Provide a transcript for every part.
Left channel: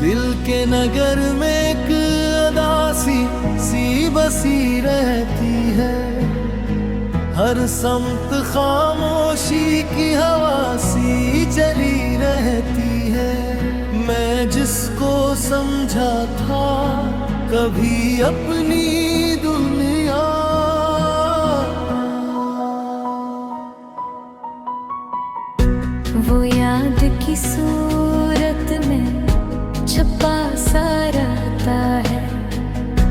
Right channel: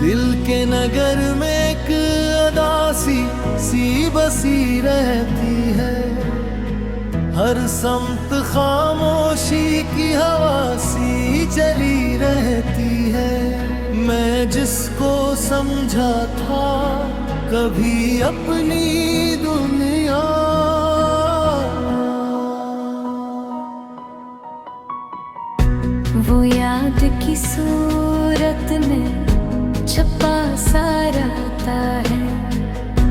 दिल के नगर में एक अदासी सी बसी रहती है, हर समत खामोशी की हवा सी चली रहती है। मैं जिसको समझा था कभी अपनी दुनिया, वो याद की सूरत में छपा सा रहता है।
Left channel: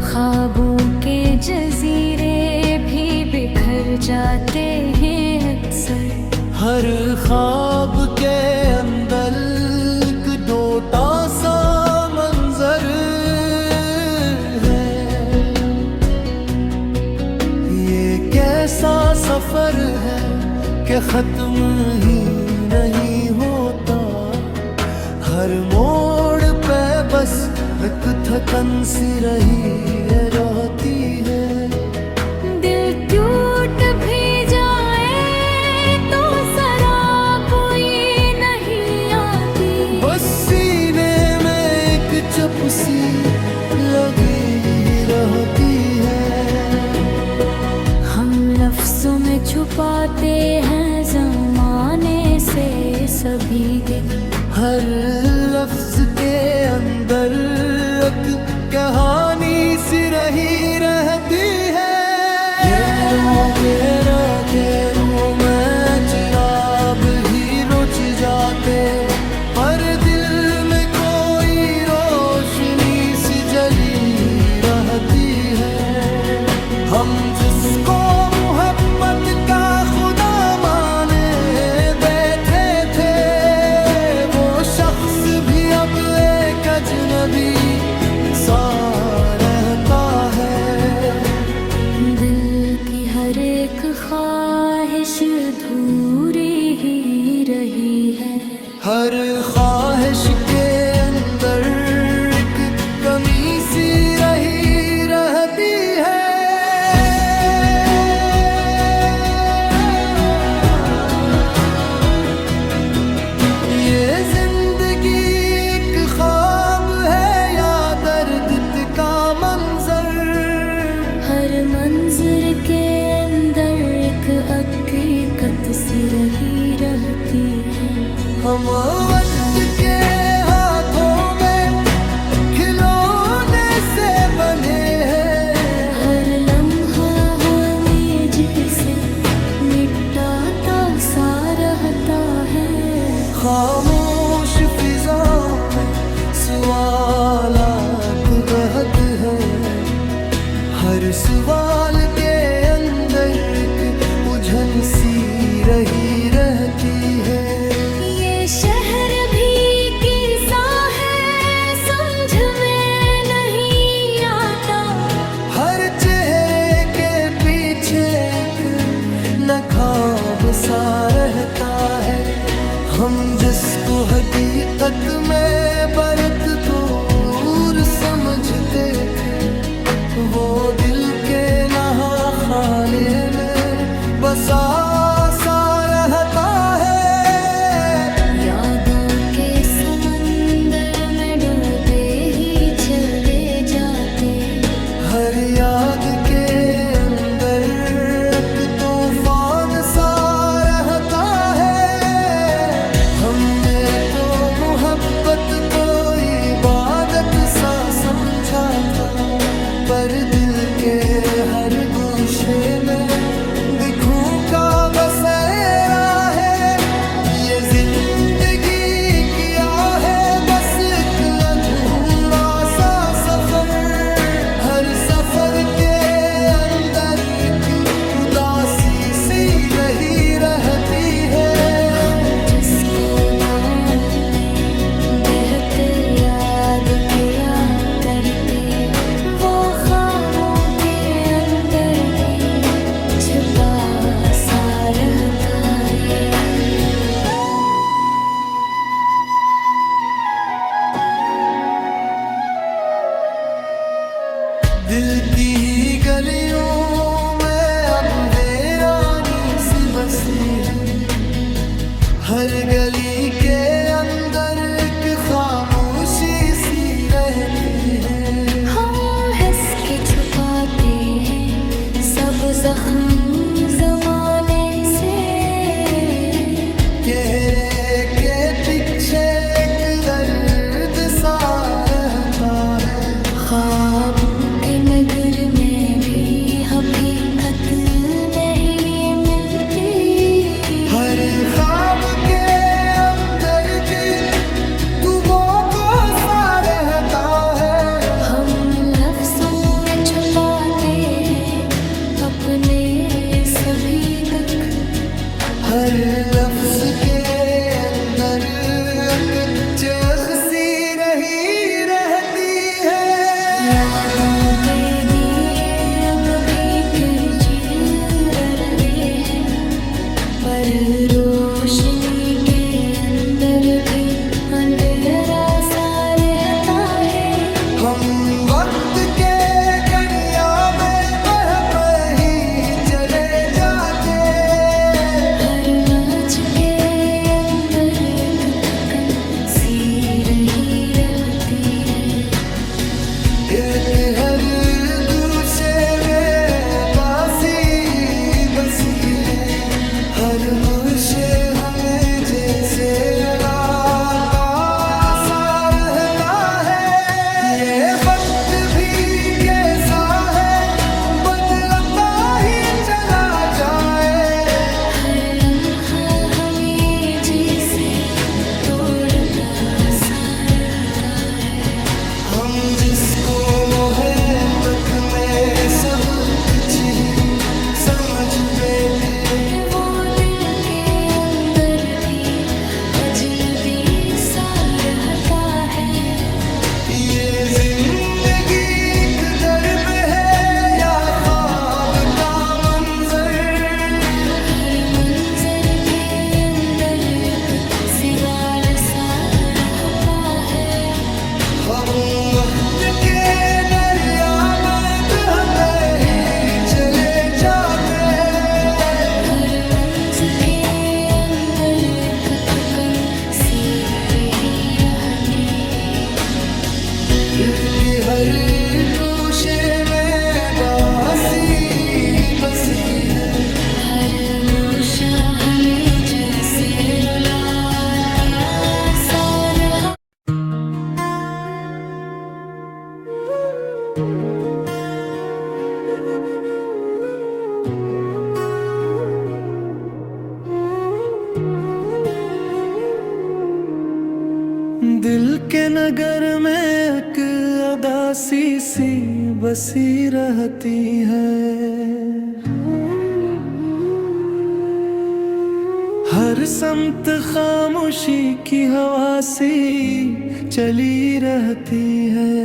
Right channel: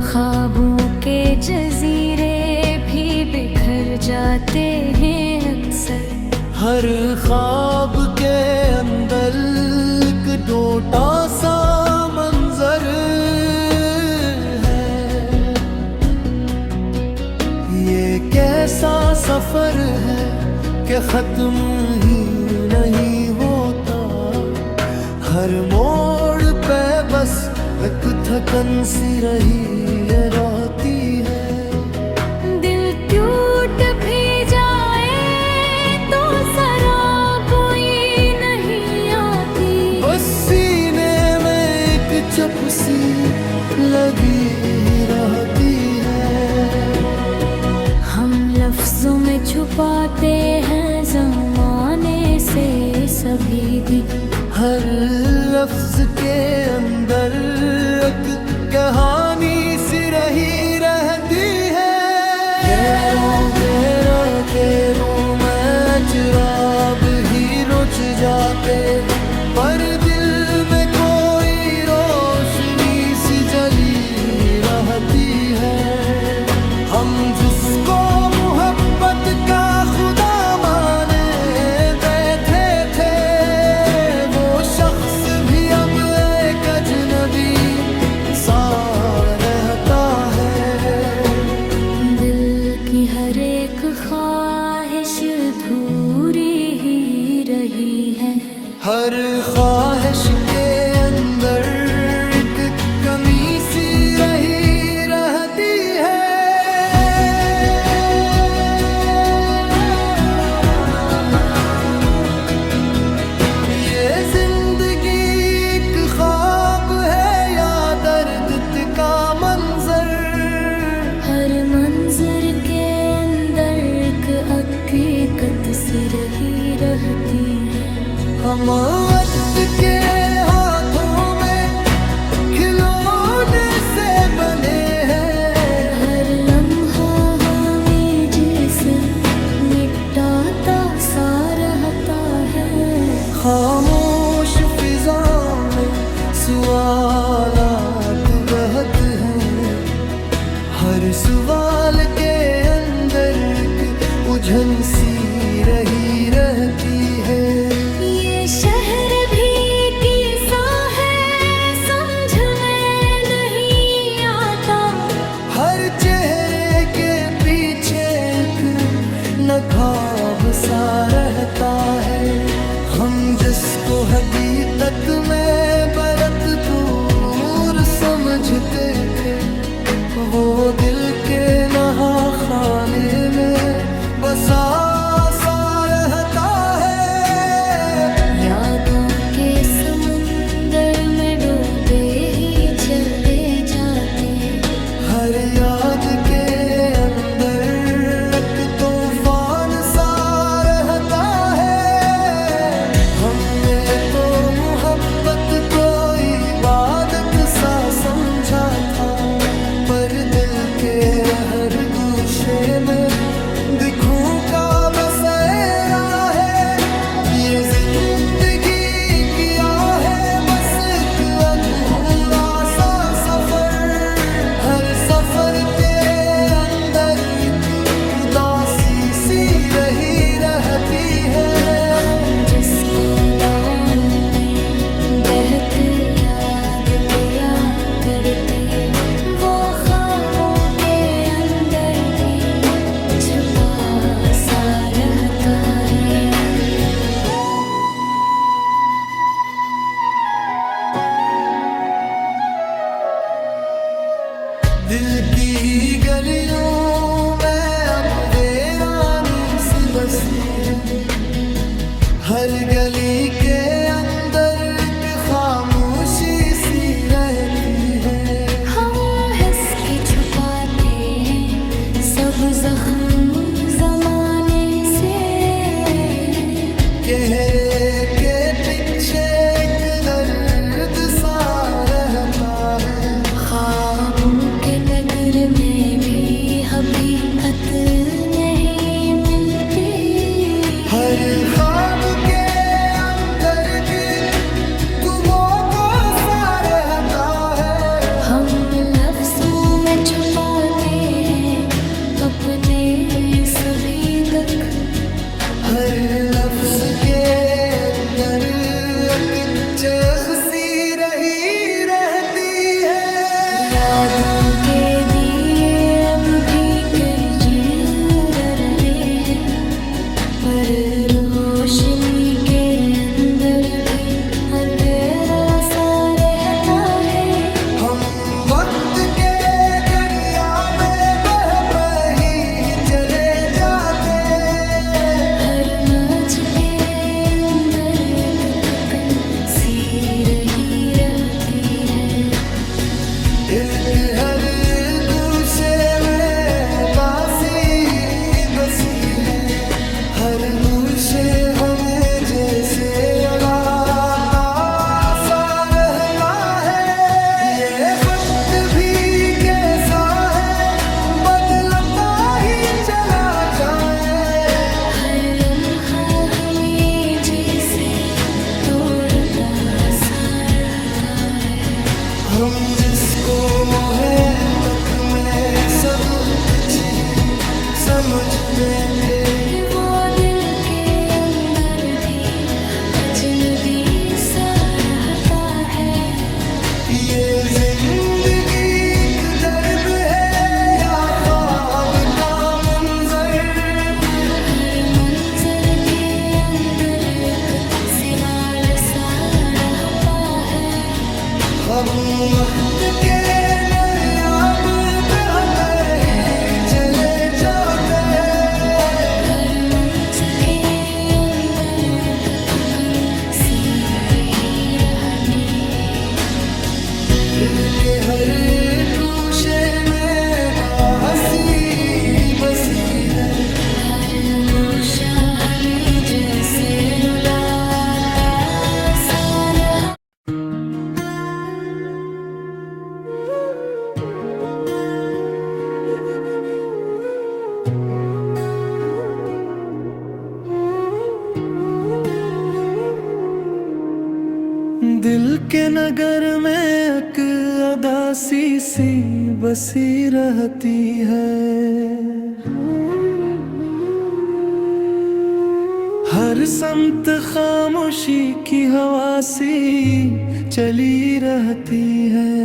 ख्वाबों के जजीरे भी बिखर जाते हैं अक्सर। हर ख्वाब के अंदर एक डोटा सा मंजर है। ये कैसा सफर है कि खत्म ही नहीं होता। हर मोड़ पे बस एक थकन सी रही रहती है। दिल टूट भी जाए तो सरा कोई नहीं आती। बस सीने में एक चुप सी लगी रहती है। हम लफ्जों में छुपाते हैं ज़माने से सभी दिल। हर लफ्ज के अंदर एक कहानी सी रही रहती है। तेरों में चिराग ही रुझ जाते, पर दिल में कोई रोशनी सी जली रहती है। हम जिसको मोहब्बत का खुदा माने बैठे थे, वो शख्स भी अब एक अजनबी सा रहता है। दिल की हर एक ख्वाहिश अधूरी ही रही है। हर ख्वाहिश के अंदर एक कमी सी रही रहती है। ये जिंदगी एक ख्वाब है या दर्द का मंजर। हर मंजर के अंदर एक हकीकत सी रही रहती है। हम वक्त के हाथों में खिलौने से बने हैं। हर लम्हा हमें जिसे निपटाता सा रहता है। खामोश फिजाओं में सवालात बहत हैं। हर सवाल के अंदर एक उलझन सी रही रहती है। ये शहर भी किसा है समझ में नहीं आता। हर चेहरे के पीछे एक नकाब सा रहता है। हम जिसको हकीकत में बरत दूर समझते थे, वो दिल के नहा खाने में बसा सा रहता है। यादों के समंदर में डूबे ही चले जाते। हर याद के अंदर एक तूफान सा रहता है। हमने तो मोहब्बत को इबादत सा समझा था, पर दिल के हर गोशे में दिखों का बसेरा है। ये जिंदगी किया है बस एक अधूरा सा सफर। हर सफर के अंदर एक उदासी सी रही रहती है। हम जिसको दाओं में बहते याद किया करते, वो ख्वाबों के अंदर भी छुपा सा रहता है। दिल की गलियों में अब वीरानी सी बसी है। हर गली के अंदर एक खामोशी सी रहती है। हम हंस के छुपाते हैं सब जख्म जमाने से, चेहरे के पीछे एक दर्द सा रहता है। ख्वाबों के नगर में भी हकीकत नहीं मिलती, हर ख्वाब के अंदर भी तू वो को सा रहता है। हम लफ्जों में छुपाते हैं अपने सभी दुख, हर लफ्ज के अंदर एक चखसी रही रहती है। यादों के दिए अब भी जल रहे हैं, पर रोशनी के अंदर भी अंधेरा सा रहता है। हम वक्त के दरिया में बह ही चले जाते, हर मौज के अंदर एक थकन सी रही रहती है। दिल के हर गूशे में बासी बसी है, हर गूशे हमें जैसे रलाता सा रहता है। ये वक्त भी कैसा है बदलता ही चला जाए, हर लम्हा हमें जैसे तोड़ता सा रहता है। हम जिसको मोहब्बत में सब कुछ ही समझ बैठे, वो दिल के अंदर भी अजनबी सा रहता है। ये जिंदगी एक दर्द है या ख्वाब का मंजर, हर मंजर के अंदर एक सवाल सा रहता है। हम वक्त के दरिया में ही चले जाते, हर मंजिल के अंदर एक थकन सी रही रहती है। दिल के हर गोशे में दासी बसी है, हर गोशा हमें जैसे रुलाता सा रहा। दिल के नगर में एक अदासी सी बसी रहती है, हर समत खामोशी की हवा सी चली रहती है।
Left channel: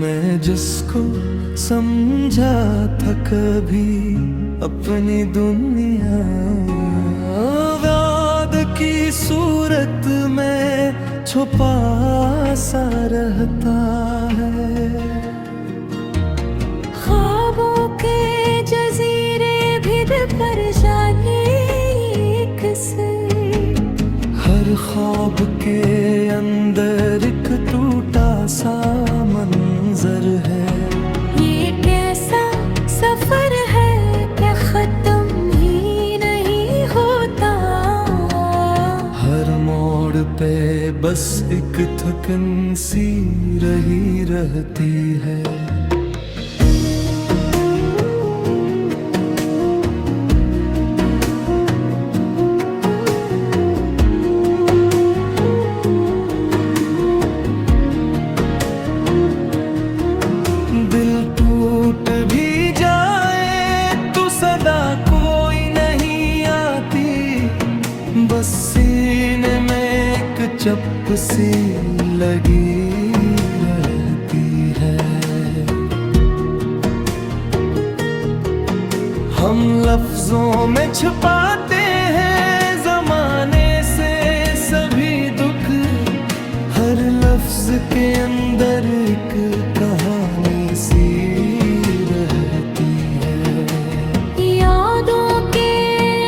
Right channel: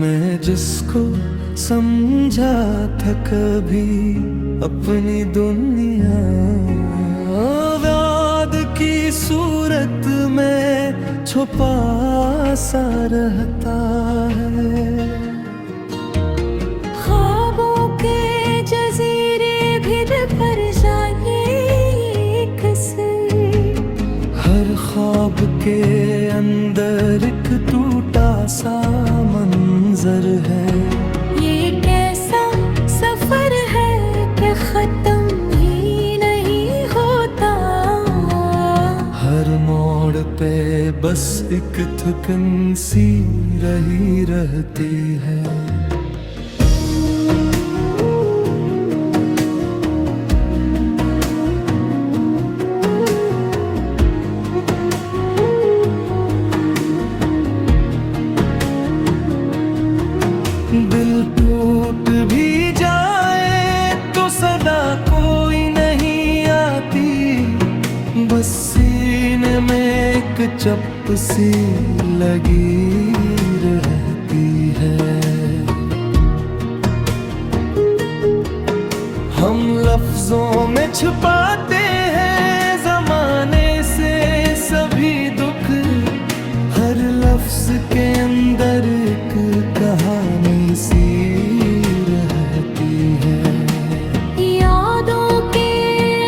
मैं जिसको समझा था कभी अपनी दुनिया, याद की सूरत में छुपा सा रहता है। ख्वाबों के जजीरे भी पर जाने किसे, हर ख्वाब के अंदर एक टूटा सा मंजर है। ये कैसा सफर है कि खत्म ही नहीं होता, हर मोड़ पे बस एक थकन सी रही रहती है। दिल टूट भी जाए तो सदा कोई नहीं आती, बस सीने में एक चप सी लगी रहती है। हम लफ्जों में छुपाते हैं जमाने से सभी दुख, हर लफ्ज के अंदर एक कहानी सी रहती है। यादों के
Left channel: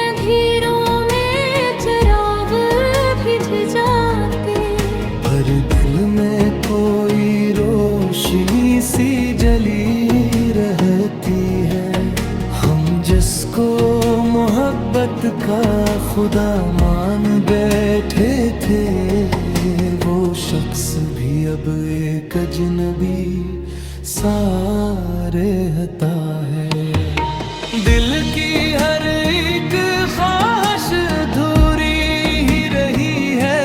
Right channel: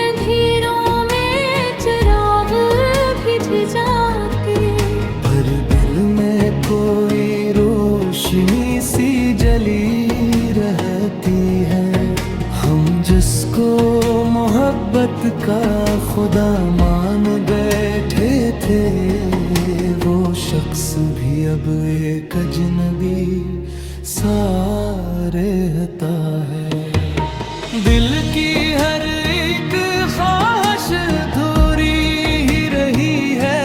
अंधेरों में चिराग बुझ जाते, हर दिल में कोई रोशनी सी जली रहती है। हम जिसको मोहब्बत का खुदा मान बैठे थे, वो शख्स भी अब एक अजनबी सा रहता है। दिल की हर एक ख्वाहिश अधूरी ही रही है।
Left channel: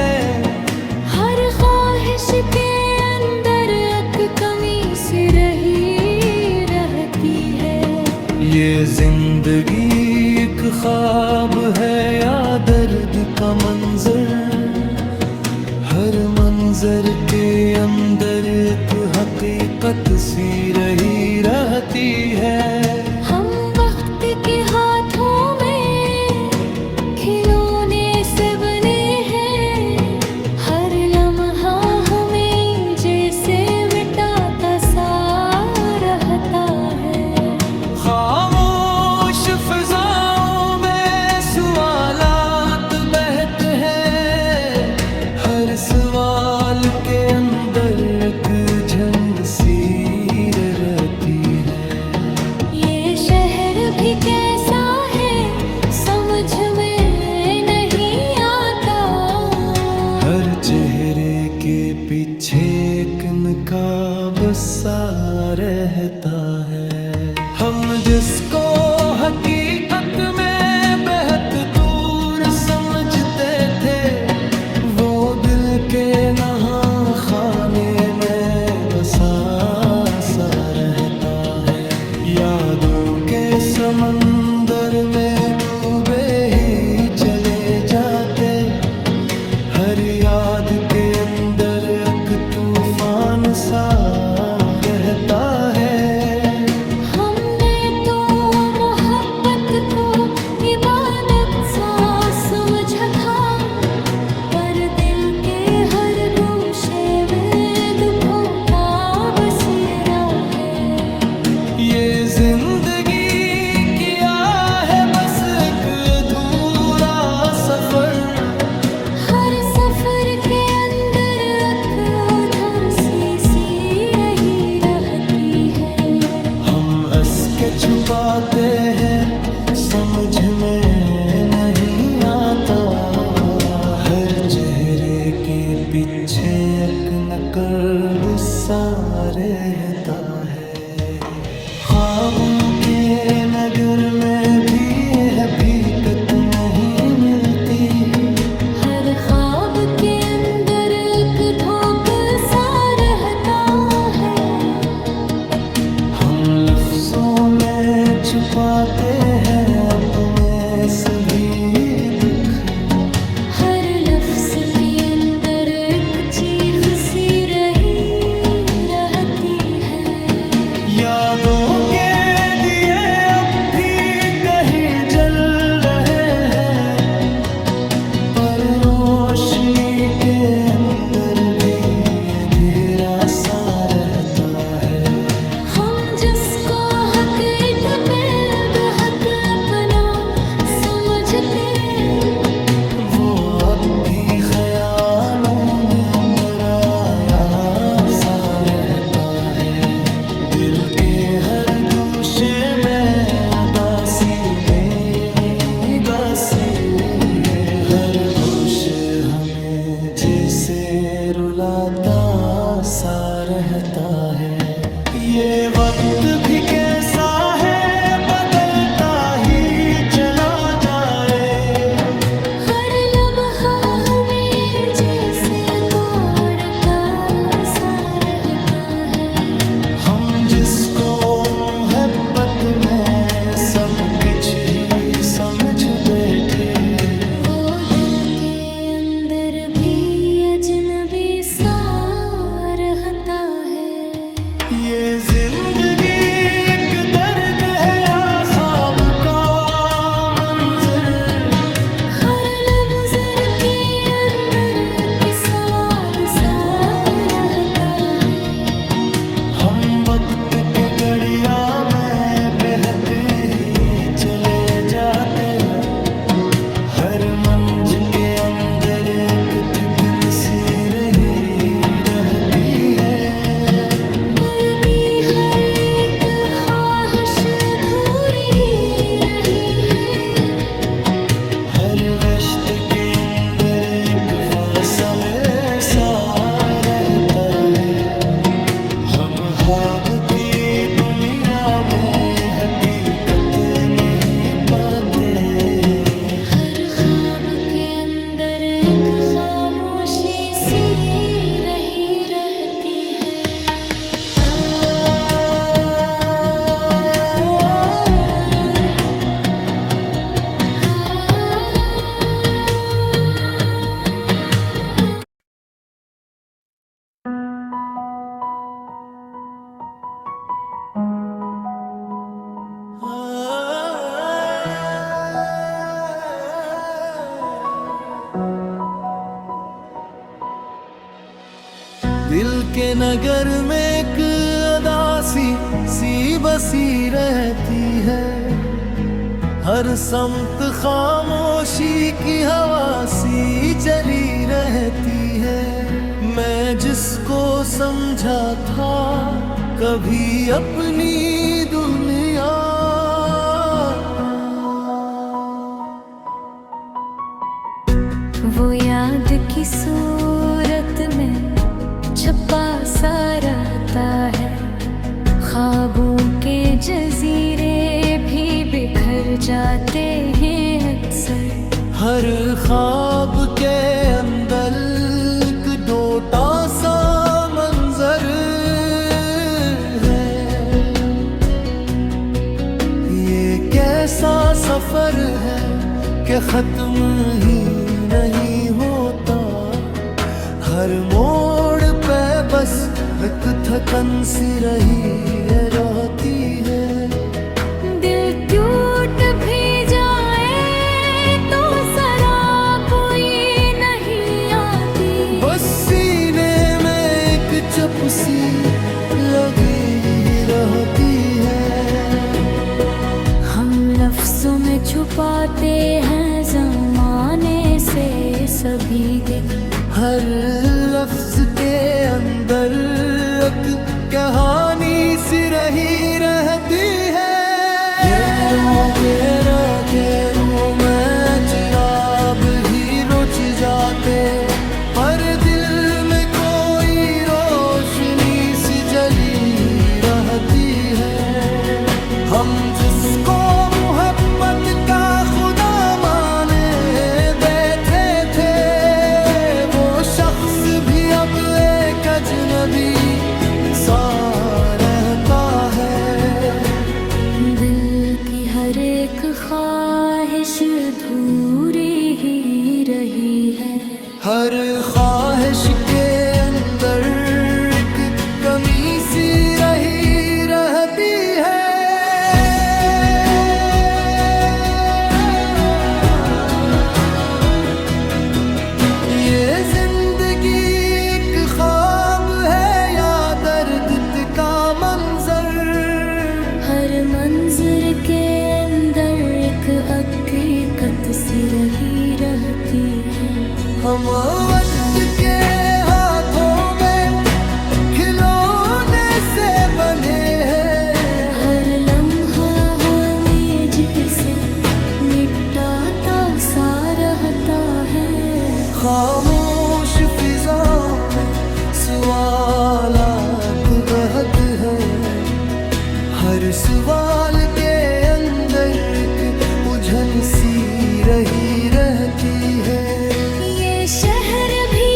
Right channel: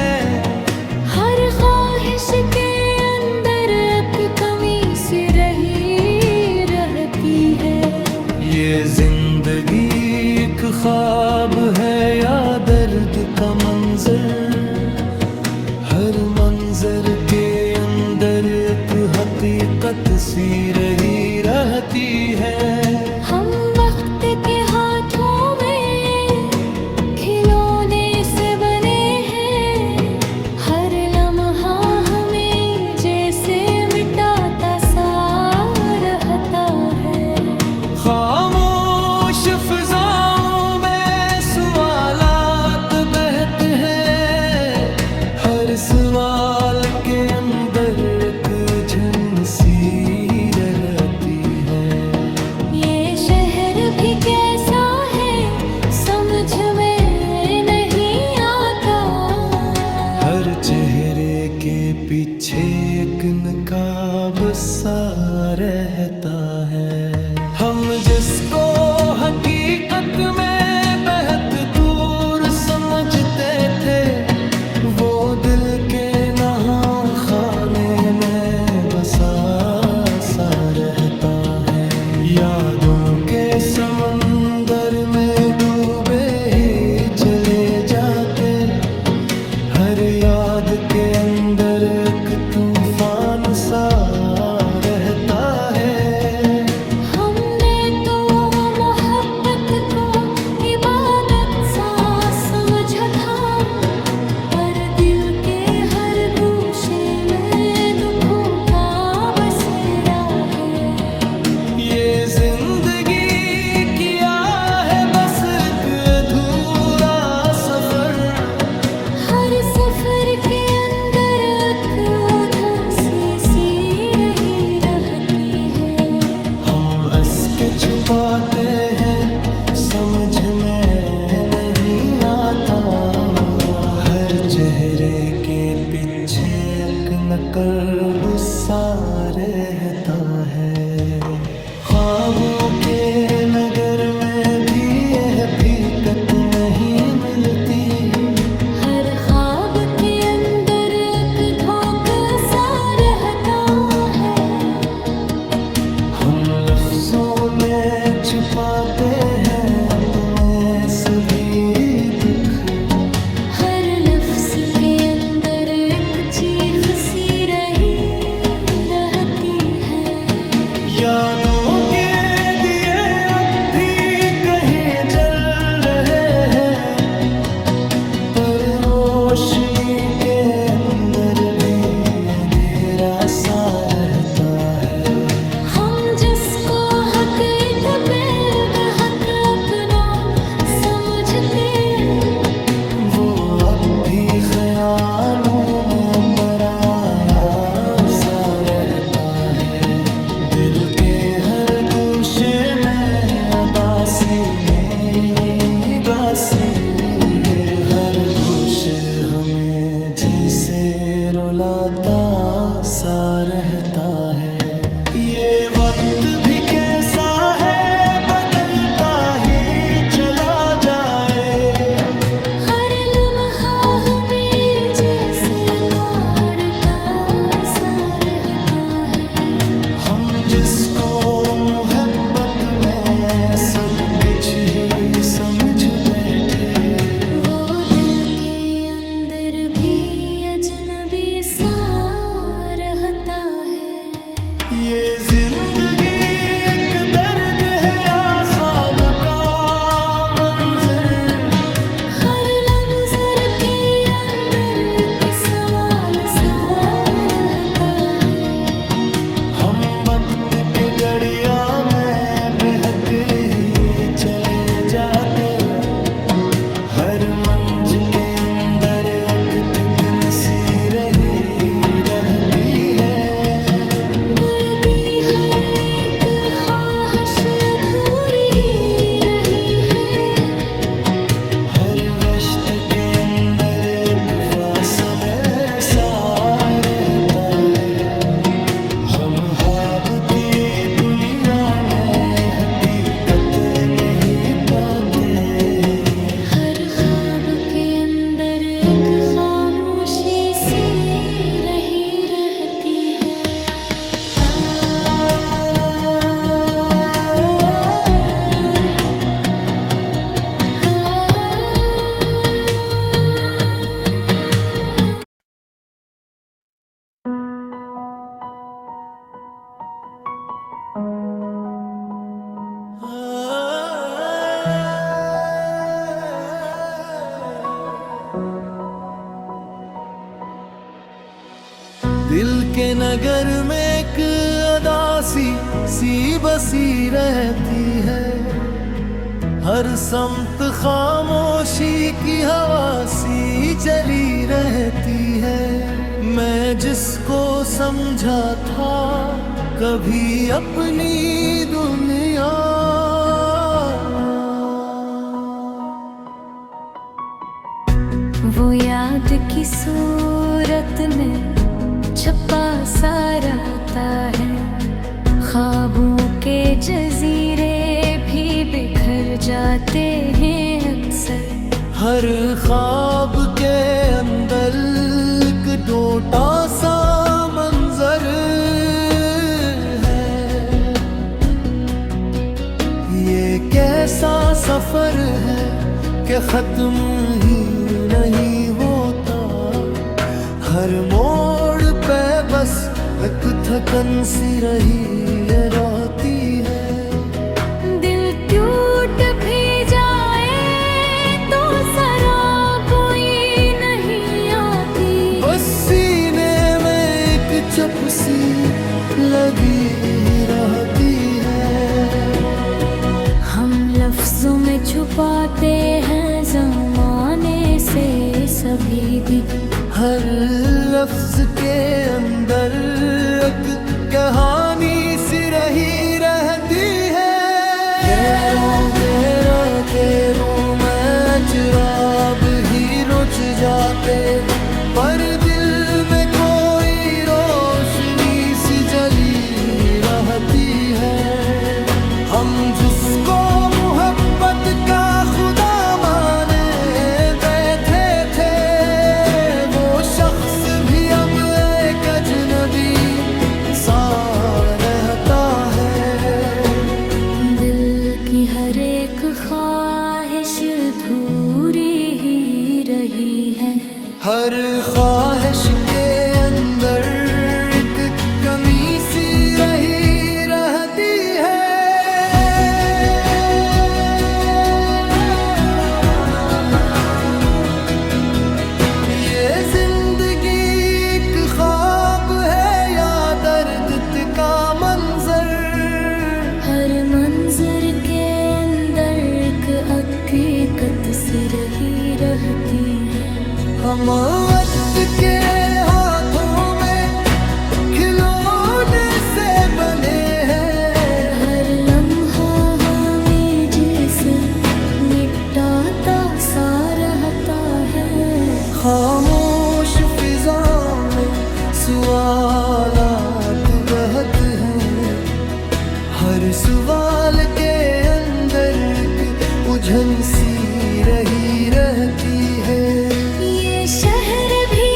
हर ख्वाहिश के अंदर एक कमी सी रही रहती है। ये जिंदगी एक ख्वाब है या दर्द का मंजर, हर मंजर के अंदर एक हकीकत सी रही रहती है। हम वक्त के हाथों में खिलौने से बने हैं, हर लम्हा हमें जैसे मिटाता सा रहता है। खामोश फिजाओं में सवालात बहते हैं, हर सवाल के अंदर एक झन सी रहती है। ये शहर भी कैसा है समझ में नहीं आता, हर चेहरे के पीछे एक नकाब सा रहता है। हम जिसको हकीकत में बेहद दूर समझते थे, वो दिल के नहा खाने में बसा सा रहता है। यादों के समंदर में डूबे ही चले जाते, हर याद के अंदर एक तूफान सा रहता है। हमने तो मोहब्बत को इबादत सा समझा था, पर दिल के हर गोशे में दुखों का बसेरा है। ये जिंदगी किया है बस एक अधूरा सफर, हर सफर के अंदर एक उदासी सी रही रहती है। हम हंस के छुपाते हैं समझ में नहीं आता, हर चेहरे के पीछे एक नकब सा रहता है। ख्वाबों के नगर में भी यह हकीकत नहीं मिलती, हर ख्वाब के अंदर एक धोखा सा रहता है। हम लफ्जों में छुपाते हैं अपने सभी दुख, हर लफ्ज के अंदर एक चीख सी रही रहती है। यादों के दिए अब भी कहीं जल रहे हैं, पर रोशनी के अंदर भी अंधेरा सा रहता है। हम जिसको हकीकत पे बेहद अपना समझते, वो अब भी ख्यालों में पराया सा रहता है। दिल के हर गोशे में अदासी में गासी है, हर गोशे हमें जैसे रुलाता सा रहता है। ये वक्त भी कैसा है बदलता ही चला जाए, हर लम्हा हमें जैसे तोड़ का सा रहता है। हम जिसको मोहब्बत में सब कुछ ही समझ बैठे, वो दिल के अंदर भी अजनबी सा रहता है। ये जिंदगी एक दर्द है या ख्वाब का मंजर, हर लफ्ज़ के अंदर किस सवाल सा रहता है। हम वक्त के गड़िया में बहते ही चले जाते, हर मंज के अंदर एक थिकन सी रही रहती है। वर्दी हर एक ख्वाहिश अधूरी ही रही है। हर वस्त के अंदर एक फासले सा रहता है। हम ख्वाब की दुनिया में हकीकत नहीं पाते। हर ख्वाब के अंदर एक खामोशी सी रही रहती है। दिल के नगर में एक अदासी सी बसी रहती है। हर समत खामोशी की हवा सी चली रहती है। मैं जिसको समझा था कभी अपनी दुनिया, वो याद की सूरत में छपा सा रहता है। ख्वाबों के जजीरे भी बिखर जाते हैं अक्सर। हर ख्वाब के अंदर एक डोटा सा मंजर है। ये कैसा सफर है कि खत्म ही नहीं होता। हर मोड़ पे बस एक थकन सी रही रहती है। दिल टूट भी जाए तो शराब कोई नहीं आती। बस सीने में एक चप सी लगी रहती है। हम लफ्जों में छुपाते हैं ज़माने से सभी दिन। हर लफ्ज के अंदर एक कहानी सी रही रहती है। के रूम में चिराग ही रुझ जाते, पर दिल में कोई रोशनी सी जली रहती है। हम जिसको मोहब्बत का खुदा माने बैठे थे, वो शख्स भी अब एक अजनबी सा रहता है। दिल की हर एक ख्वाहिश अधूरी ही रही है। हर ख्वाहिश के अंदर एक कमी सी रही रहती है। ये जिंदगी एक ख्वाब है या दर्द का मंजर। हर मंजर के अंदर एक हकीकत सी रही रहती है। हम वक्त के हाथों में खिलौने से बने हैं। हर लम्हा हमें जिसे निपटाता सा रहता है। खामोश फिजाओं में सवालात बहत हैं। हर सवाल के अंदर एक उलझन सी रही रहती है। ये शहर भी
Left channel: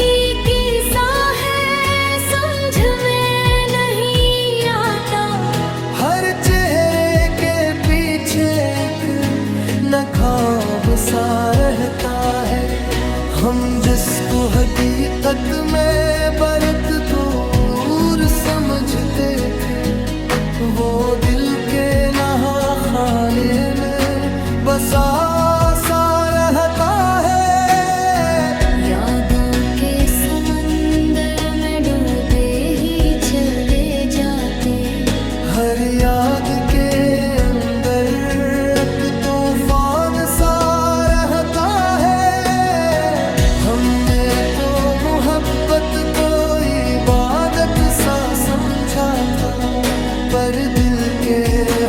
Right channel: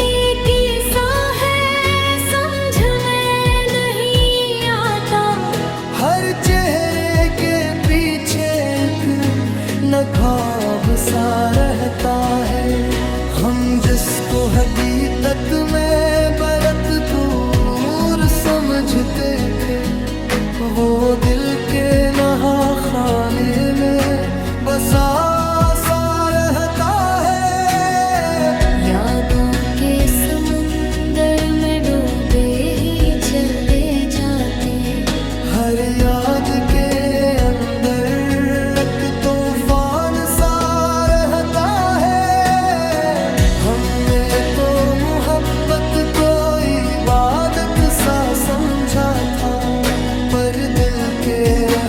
कैसा है समझ में नहीं आता। हर चेहरे के पीछे एक नकाब सा रहता है। हम जिसको हकीकत में बरत दूर समझते थे, वो दिल के नहा खाने में बसा सा रहता है। यादों के समंदर में डूबे ही चले जाते। हर याद के अंदर एक तूफान सा रहता है। मोहब्बत को इबादत सा समझा था, पर दिल के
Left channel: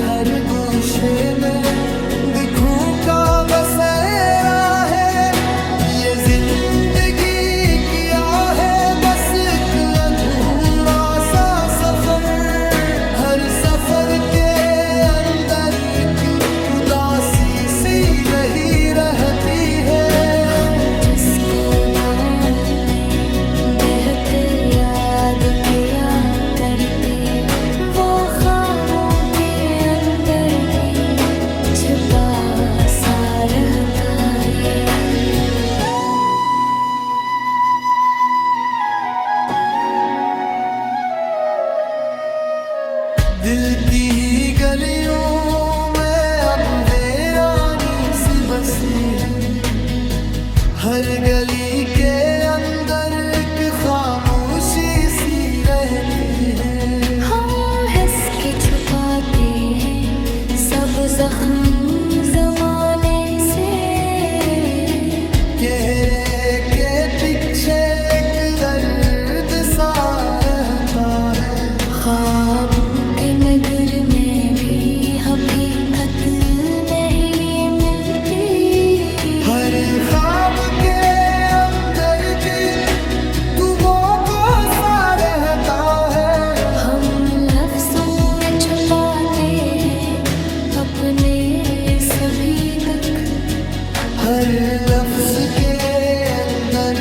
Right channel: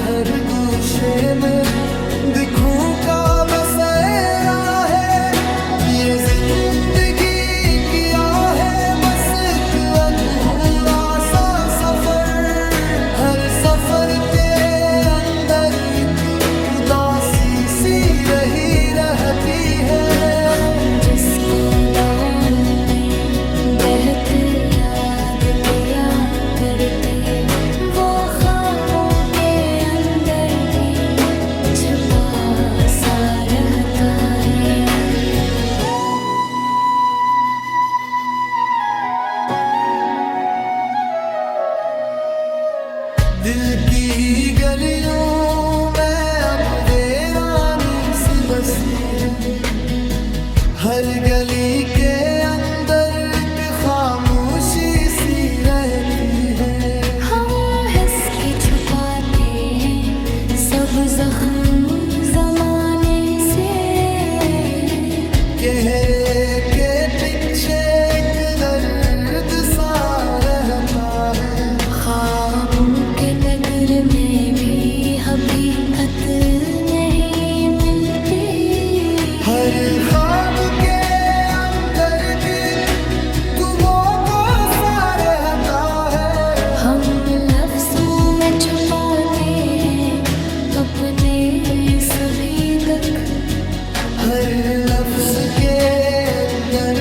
हर गोशे में दिखूं का बसेरा है। ये जिंदगी किया है बस एक अधूरा सा सफर, हर सफर के अंदर एक उदासी सी रही रहती है। हम जिसको दाओं में बहते याद किया करते, वो ख्वाबों के अंदर भी छुपा सा रहता है। दिल की गलियों में अब वीरानी सी बसी है, हर गली के अंदर एक खामोशी सी रहती है। हम हंस के छुपाते हैं सब जख्म जमाने से, चेहरे के पीछे एक दर्द सा रहता है। ख्वाबों के नगर में भी हकीकत नहीं मिलती, हर ख्वाब के अंदर भी तू वो को सा रहता है। हम लफ्जों में छुपाते हैं अपने सभी दुख, हर लफ्ज के अंदर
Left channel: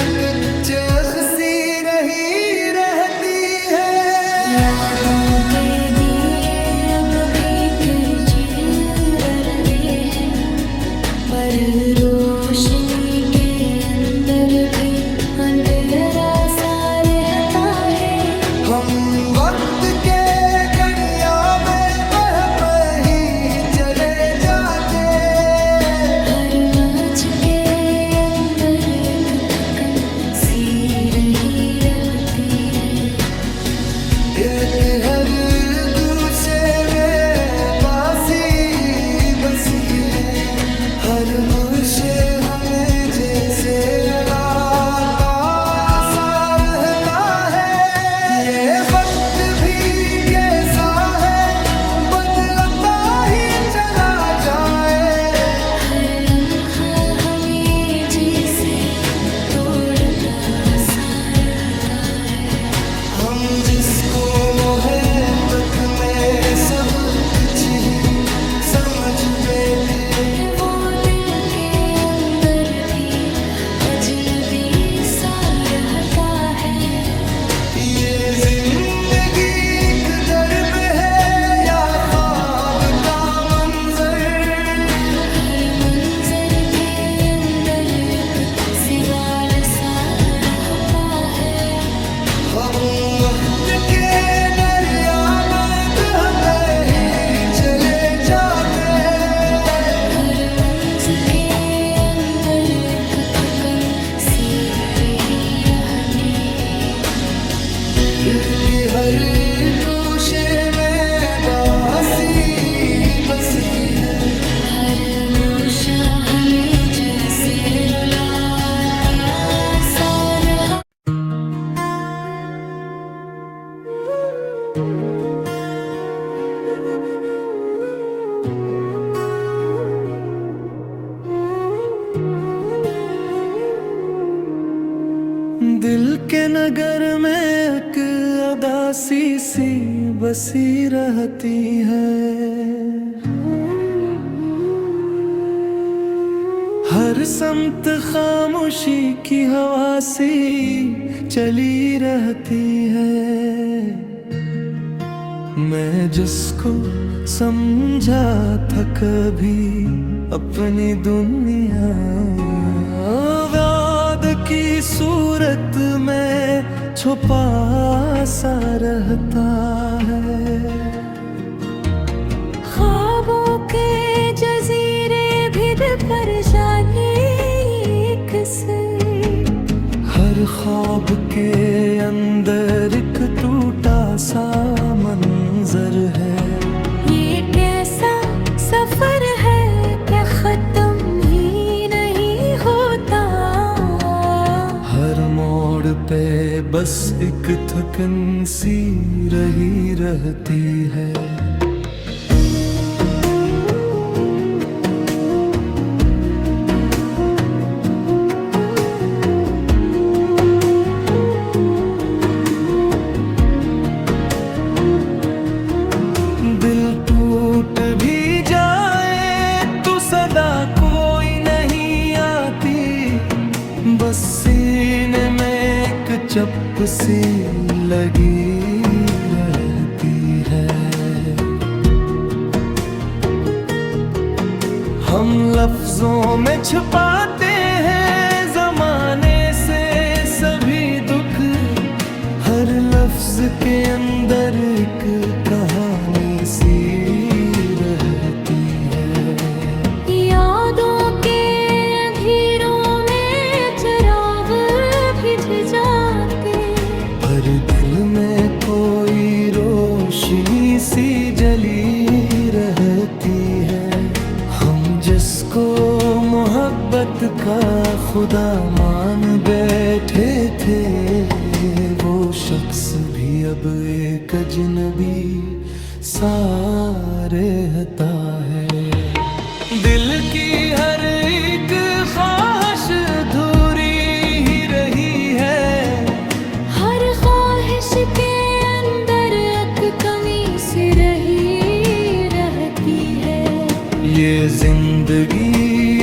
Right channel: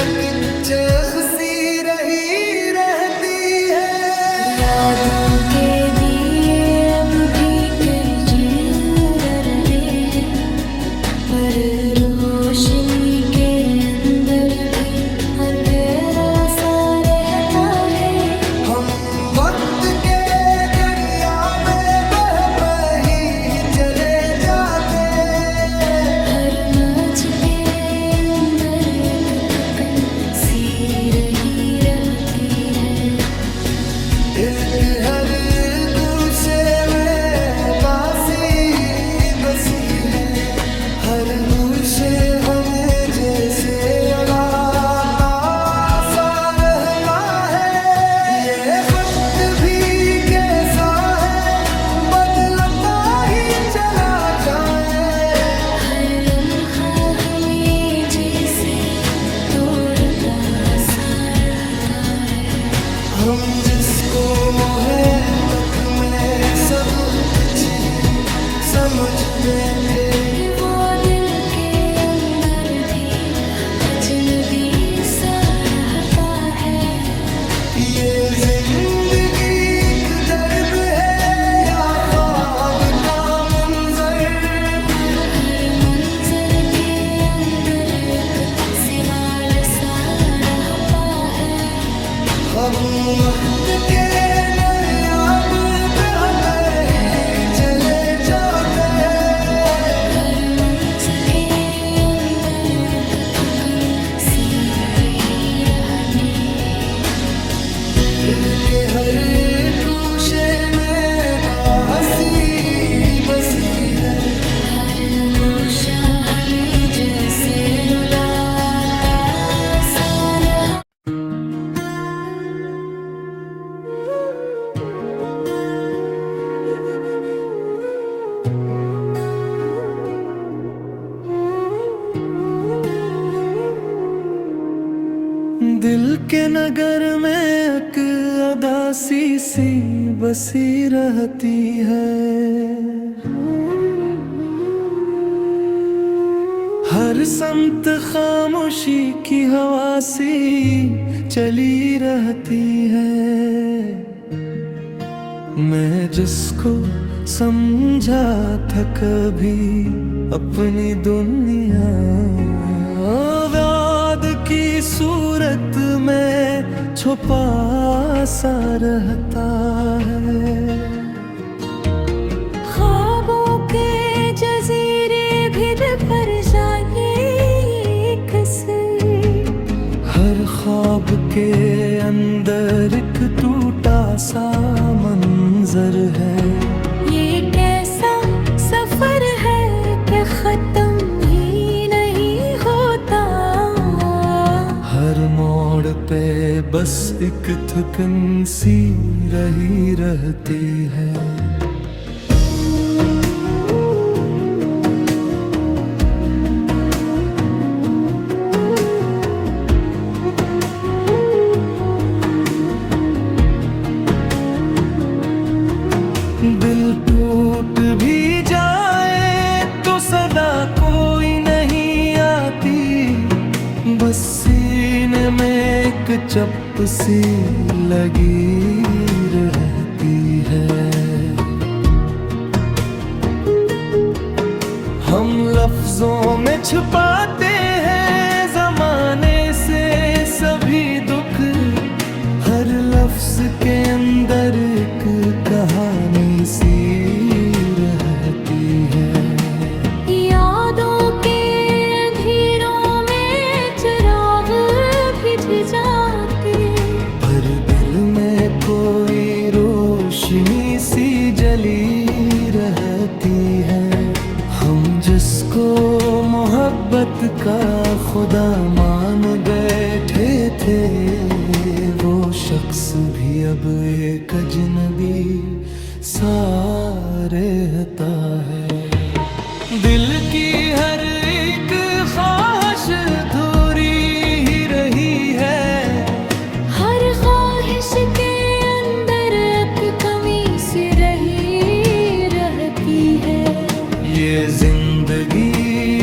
एक चेख सी रही रहती है। यादों के दिए अब भी जल रहे हैं, पर रोशनी के अंदर भी अंधेरा सा रहता है। हम वक्त के दरिया में बह ही चले जाते, हर मौज के अंदर एक थकन सी रही रहती है। दिल के हर गोशे में बासी बसी है, हर गोशे हमें जैसे रुलाता सा रहता है। ये वक्त भी कैसा है बदलता ही चला जाए, हर लम्हा हमें जैसे तोड़ता सा रहता है। हम जिसको मोहब्बत में सब कुछ ही समझ बैठे, वो दिल के अंदर भी अजनबी सा रहता है। ये जिंदगी एक दर्द है या ख्वाब का मंजर, हर मंजर के अंदर एक सवाल सा रहता है। हम वक्त के दरिया में बह ही चले जाते, हर मंजिल के अंदर एक थकन सी रही रहती है। दिल के हर गोशे में दासी बसी है, हर गोशा हमें जैसे रुलाता सा रहा। दिल के नगर में एक अदासी सी बसी रहती है, हर समत खामोशी की हवा सी चली रहती है। मैं जिसको समझा था कभी अपनी दुनिया, याद की सूरत में छुपा सा रहता है। ख्वाबों के जजीरे भी पर जाने किसे, हर ख्वाब के अंदर एक टूटा सा मंजर है। ये कैसा सफर है कि खत्म ही नहीं होता। हर मोड़ पे बस एक थकन सी रही रहती है। दिल टूट भी जाए तो सदा कोई नहीं आती, बस सीने में एक चप सी लगी रहती है। हम लफ्जों में छुपाते हैं ज़माने से सभी दुख, हर लफ्ज के अंदर एक कहानी सी रहती है। यादों के अंधेरों में चिराग बुझ जाते, पर दिल में कोई रोशनी सी जली रहती है। हम जिसको मोहब्बत का खुदा मान बैठे थे, वो शख्स भी अब एक अजनबी सा रहता है। दिल की हर एक ख्वाहिश अधूरी ही रही है, हर ख्वाहिश के अंदर एक कमी सी रही रहती है। ये जिंदगी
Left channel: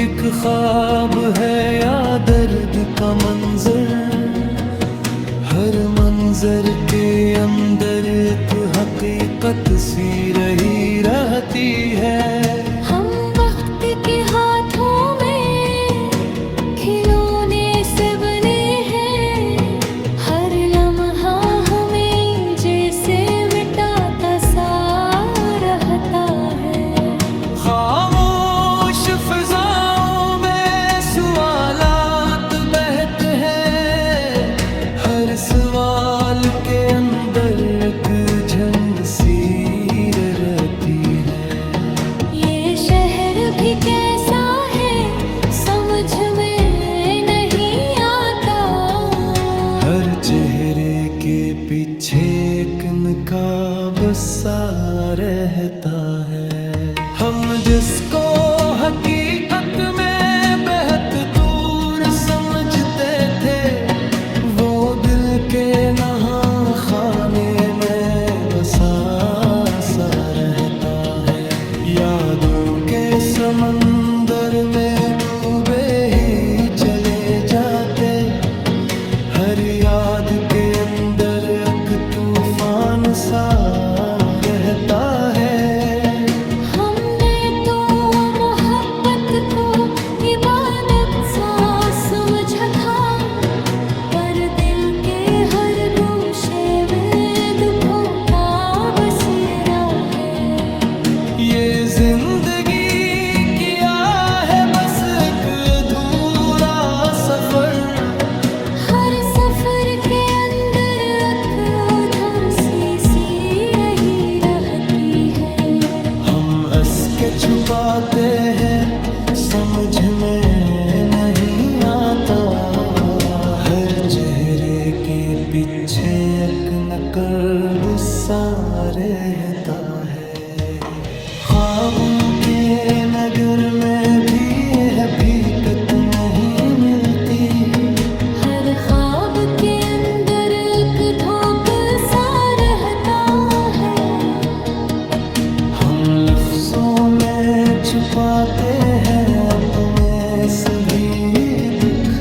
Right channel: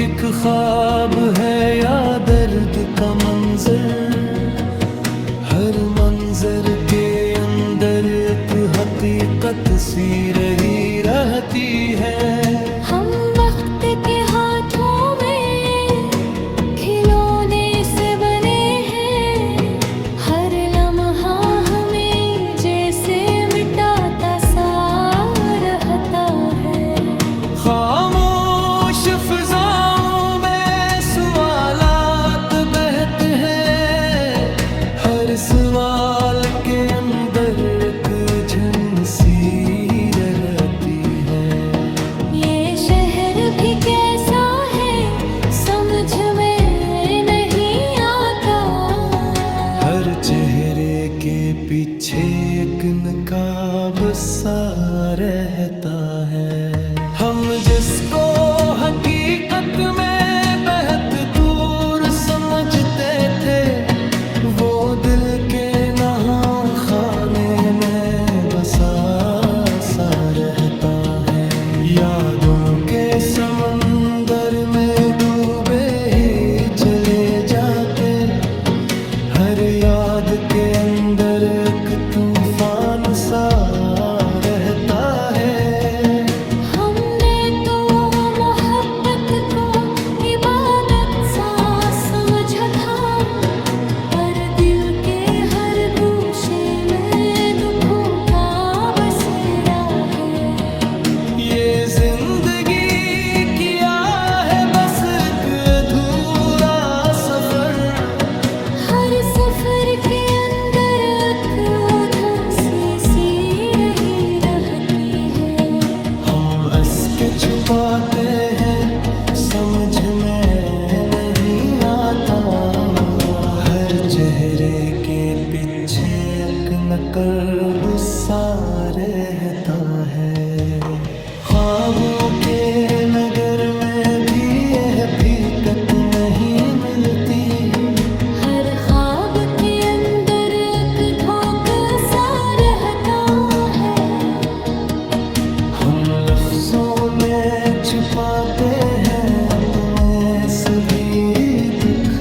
एक ख्वाब है या दर्द का मंजर, हर मंजर के अंदर एक हकीकत सी रही रहती है। हम वक्त के हाथों में खिलौने से बने हैं, हर लम्हा हमें जैसे मिटाता सा रहता है। खामोश फिजाओं में सवालात बहते हैं, हर सवाल के अंदर एक झन सी रहती है। ये शहर भी कैसा है समझ में नहीं आता, हर चेहरे के पीछे एक नकाब सा रहता है। हम जिसको हकीकत में बेहद दूर समझते थे, वो दिल के नहा खाने में बसा सा रहता है। यादों के समंदर में डूबे ही चले जाते, हर याद के अंदर एक तूफान सा रहता है। हमने तो मोहब्बत को इबादत सा समझा था, पर दिल के हर गोशे में दुखों का बसेरा है। ये जिंदगी किया है बस एक अधूरा सफर, हर सफर के अंदर एक उदासी सी रही रहती है। हम हंस के छुपाते हैं समझ में नहीं आता, हर चेहरे के पीछे एक नकब सा रहता है। ख्वाबों के नगर में भी यह हकीकत नहीं मिलती, हर ख्वाब के अंदर एक धोखा सा रहता है। हम लफ्जों में छुपाते हैं अपने सभी दुख,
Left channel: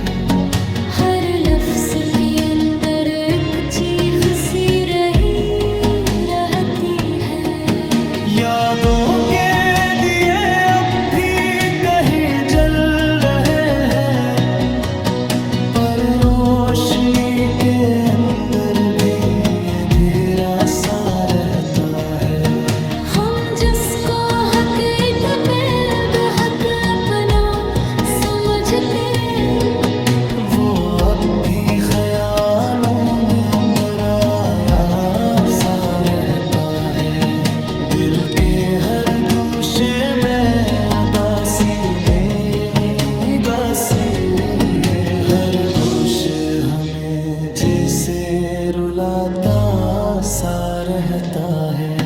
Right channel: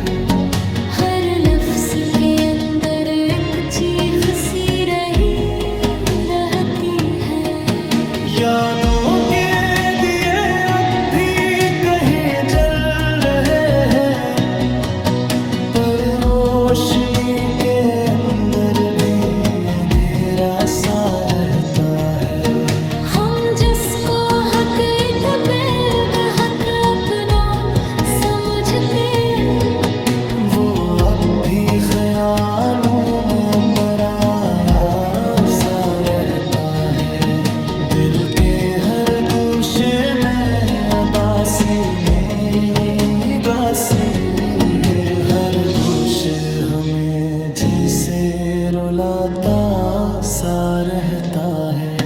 हर लफ्ज के अंदर एक चीख सी रही रहती है। यादों के दिए अब भी कहीं जल रहे हैं, पर रोशनी के अंदर भी अंधेरा सा रहता है। हम जिसको हकीकत पे बेहद अपना समझते, वो अब भी ख्यालों में पराया सा रहता है। दिल के हर गोशे में अदासी में गासी है, हर गोशे हमें जैसे रुलाता सा रहता है।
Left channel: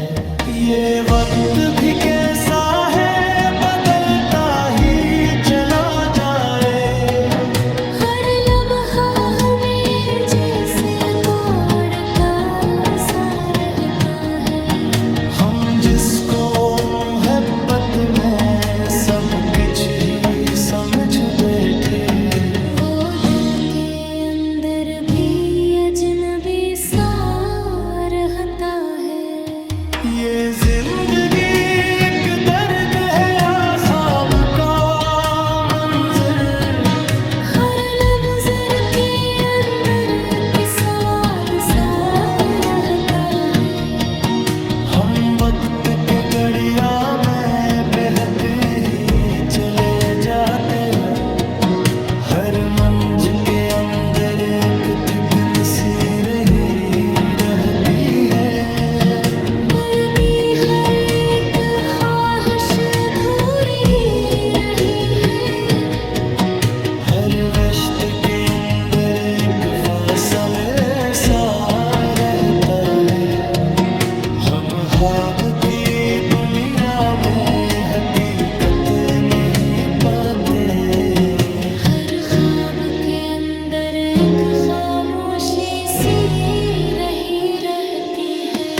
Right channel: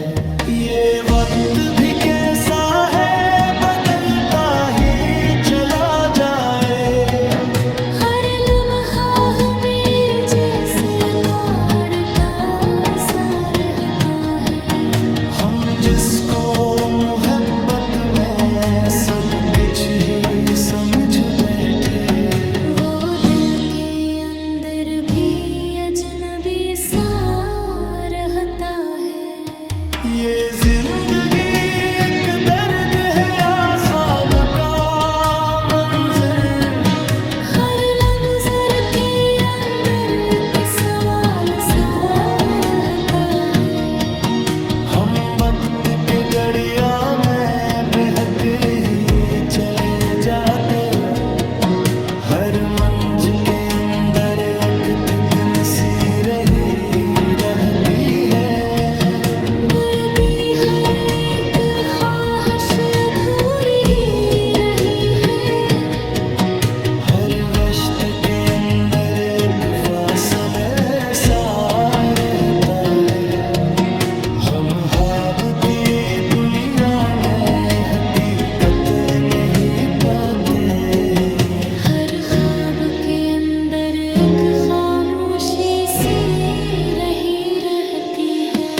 ये वक्त भी कैसा है बदलता ही चला जाए, हर लम्हा हमें जैसे तार का सा रहता है। हम जिसको मोहब्बत में सब कुछ ही समझ बैठे, वो दिल के अंदर भी अजनबी सा रहता है। ये जिंदगी एक दर्द है या ख्वाब का मंजर, हर लफ्ज़ के अंदर के सवाल सा रहता है। हम वक्त के गड़िया में बहक ही चले जाते, हर मंज के अंदर एक थिकन सी रही रहती है। बढ़ती हर एक ख्वाहिश अधूरी ही रही है, हर रश्त के अंदर एक फासले सा रहता है। हम ख्वाब की दुनिया में हकीकत नहीं पाते, हर ख्वाब के अंदर एक खामोशी सी रही रहती है।